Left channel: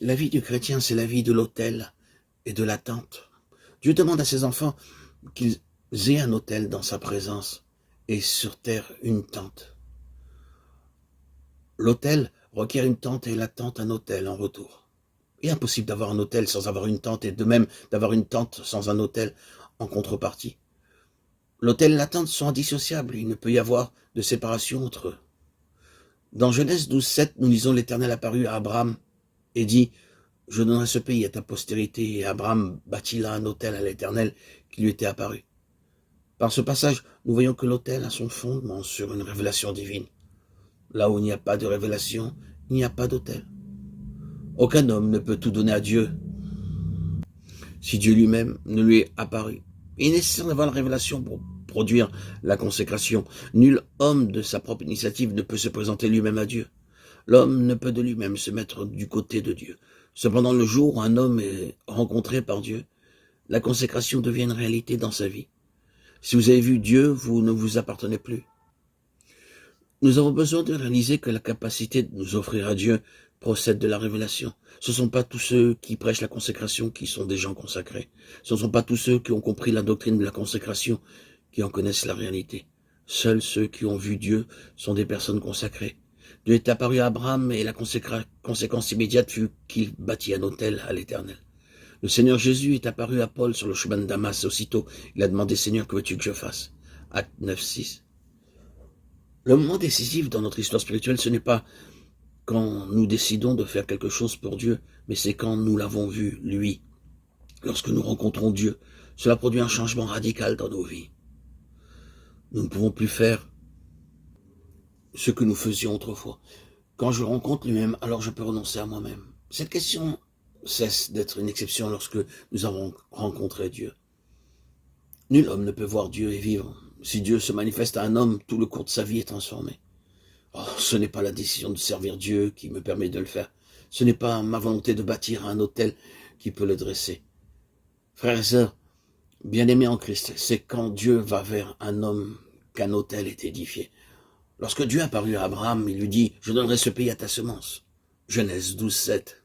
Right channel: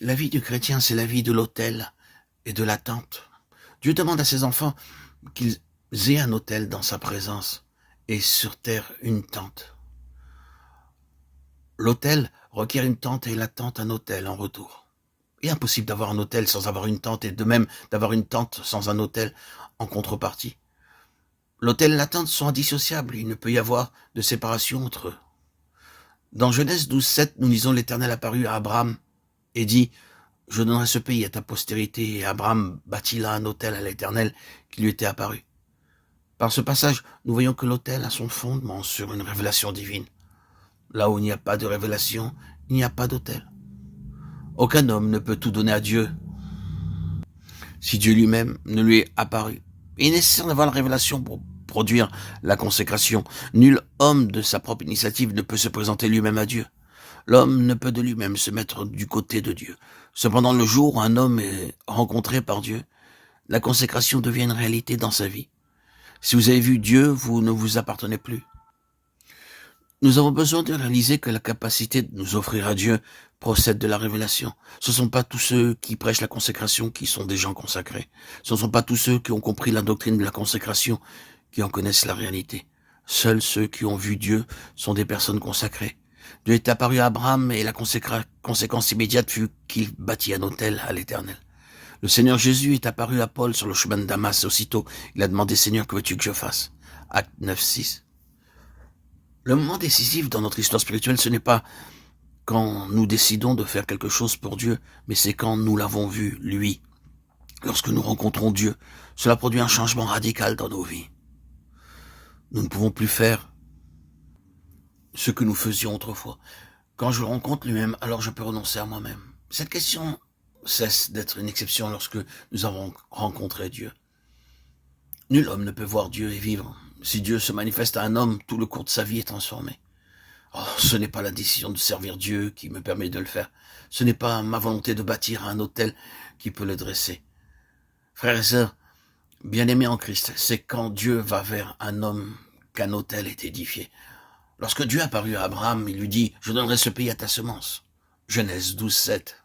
La vie du chrétien, c'est la vie de l'autel et de l'attente. Dieu demande à ses enfants qu'ils aient un autel dans sa présence et sur terre une tente. L'autel requiert une tente et l'attente un autel en retour. Il est impossible d'avoir un autel sans avoir une tente et de même d'avoir une tente sans un autel en contrepartie. L'autel et la tente sont indissociables, il ne peut y avoir de séparation entre eux. Dans Genèse 12:7, nous lisons l'Éternel apparut à Abraham et dit « Je donnerai ce pays à ta postérité » et Abraham bâtit là un autel à l'Éternel qui lui était apparu. Par ce passage, nous voyons que l'autel a son fondement sur une révélation divine. Là où il n'y a pas de révélation, il n'y a pas d'autel. Aucun homme ne peut tout donner à Dieu si Dieu lui-même ne lui est apparu. Il est nécessaire d'avoir la révélation pour produire la consécration. Nul homme de sa propre initiative ne peut se présenter lui-même à Dieu. L'homme ne peut de lui-même se mettre du côté de Dieu. Cependant, le jour où un homme est rencontré par Dieu, la consécration devient une réalité dans sa vie. Si vous avez vu Dieu, vous ne vous appartenez plus. Nous avons besoin de réaliser que la capacité de nous offrir à Dieu procède de la révélation. Ce ne sont pas tous ceux qui prêchent la consécration qui sont des gens consacrés. Ce ne sont pas tous ceux qui ont compris la doctrine de la consécration qui en connaissent la réalité. Seuls ceux qui ont vu Dieu sont des personnes consacrées. Dieu est apparu à Abraham et la conséquence immédiate fut qu'il bâtit un autel à l'Éternel. Le Seigneur Jésus est apparu à Paul sur le chemin de Damas. Aussitôt, il a demandé « Seigneur, que veux-tu que je fasse ?» Acte 9:6. Le moment décisif dans notre histoire spirituelle, ce n'est pas quand nous décidons de faire quelque chose pour Dieu, mais c'est quand nous l'avons vu, lui. Lorsque nous rencontrons Dieu, cela produit un changement radical dans nos vies. Nous ne pouvons plus faire ce que nous faisions autrefois. Quand je rencontre lui-même, alors je peux renoncer à moi-même. Cette question cesse d'être une exception lorsque nous avons rencontré Dieu. Nul homme ne peut voir Dieu et vivre. Si Dieu se manifeste à un homme, tout le cours de sa vie est transformé. Oh, ce n'est pas la décision de servir Dieu qui me permet de le faire. Ce n'est pas ma volonté de bâtir un autel qui peut le dresser. Frères et sœurs, bien-aimés en Christ, c'est quand Dieu va vers un homme qu'un autel est édifié. Lorsque Dieu apparut à Abraham, il lui dit « Je donnerai ce pays à ta semence ». Genèse 12:7.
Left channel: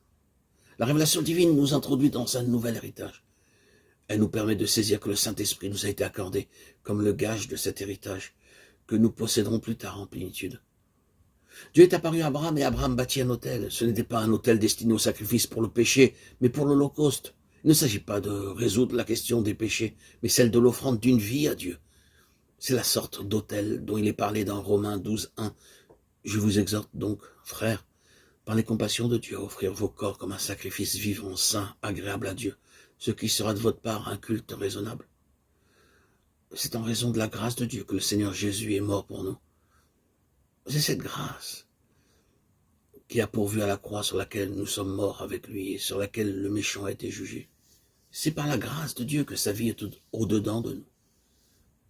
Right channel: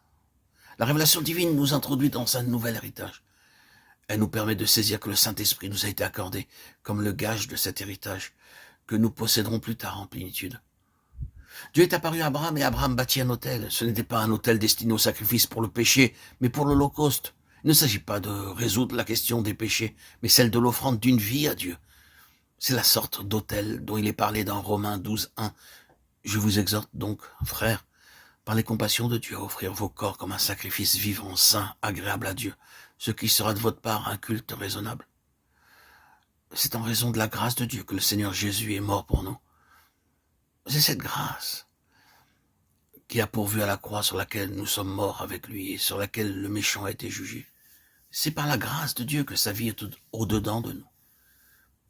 La révélation divine nous introduit dans un nouvel héritage. Elle nous permet de saisir que le Saint-Esprit nous a été accordé comme le gage de cet héritage que nous posséderons plus tard en plénitude. Dieu est apparu à Abraham et Abraham bâtit un autel. Ce n'était pas un autel destiné au sacrifice pour le péché, mais pour l'Holocauste. Il ne s'agit pas de résoudre la question des péchés, mais celle de l'offrande d'une vie à Dieu. C'est la sorte d'autel dont il est parlé dans Romains 12:1. Je vous exhorte donc, frères, par les compassions de Dieu, à offrir vos corps comme un sacrifice vivant, saint, agréable à Dieu, ce qui sera de votre part un culte raisonnable. C'est en raison de la grâce de Dieu que le Seigneur Jésus est mort pour nous. C'est cette grâce qui a pourvu à la croix sur laquelle nous sommes morts avec lui et sur laquelle le méchant a été jugé. C'est par la grâce de Dieu que sa vie est au-dedans de nous.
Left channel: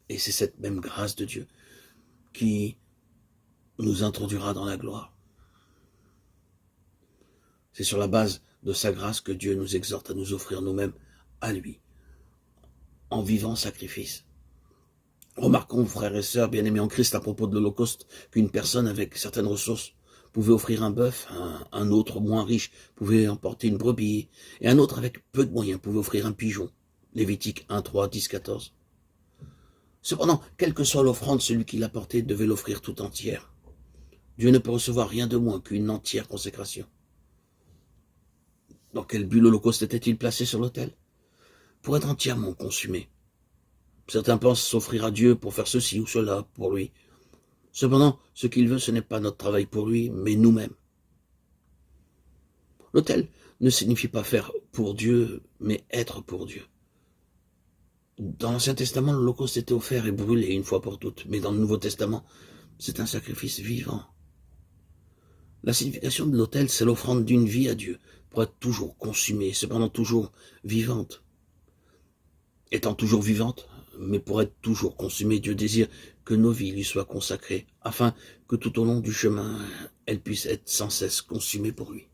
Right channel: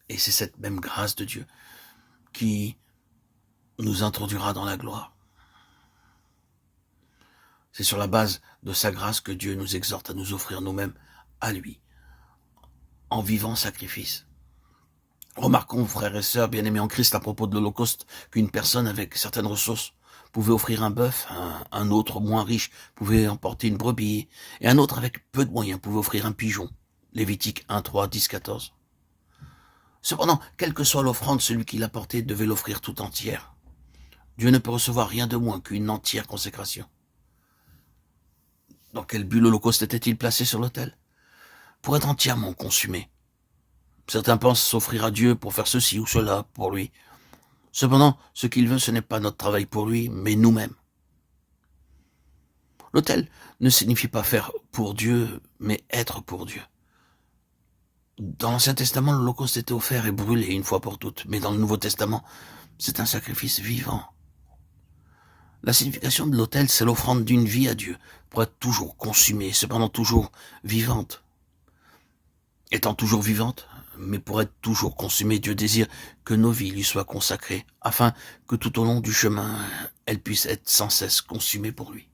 Et c'est cette même grâce de Dieu qui nous introduira dans la gloire. C'est sur la base de sa grâce que Dieu nous exhorte à nous offrir nous-mêmes à lui, en vivant sacrifice. Remarquons, frères et sœurs, bien-aimés en Christ, à propos de l'Holocauste, qu'une personne avec certaines ressources pouvait offrir un bœuf, un autre moins riche pouvait emporter une brebis, et un autre avec peu de moyens pouvait offrir un pigeon. Lévitique 1:3, 10-14. Cependant, quelle que soit l'offrande, celui qui l'apportait devait l'offrir tout entière. Dieu ne peut recevoir rien de moins qu'une entière consécration. Dans quel but l'Holocauste était-il placé sur l'autel? Pour être entièrement consumé. Certains pensent s'offrir à Dieu pour faire ceci ou cela pour lui. Cependant, ce qu'il veut, ce n'est pas notre travail pour lui, mais nous-mêmes. L'autel ne signifie pas faire pour Dieu, mais être pour Dieu. Dans l'Ancien Testament, l'Holocauste était offert et brûlé une fois pour toutes, mais dans le Nouveau Testament, c'est un sacrifice vivant. La signification de l'autel, c'est l'offrande d'une vie à Dieu, pour être toujours consumée, cependant toujours vivante. Étant toujours vivante, mais pour être toujours consumée, Dieu désire que nos vies lui soient consacrées, afin que tout au long du chemin, elles puissent être sans cesse consumées pour lui.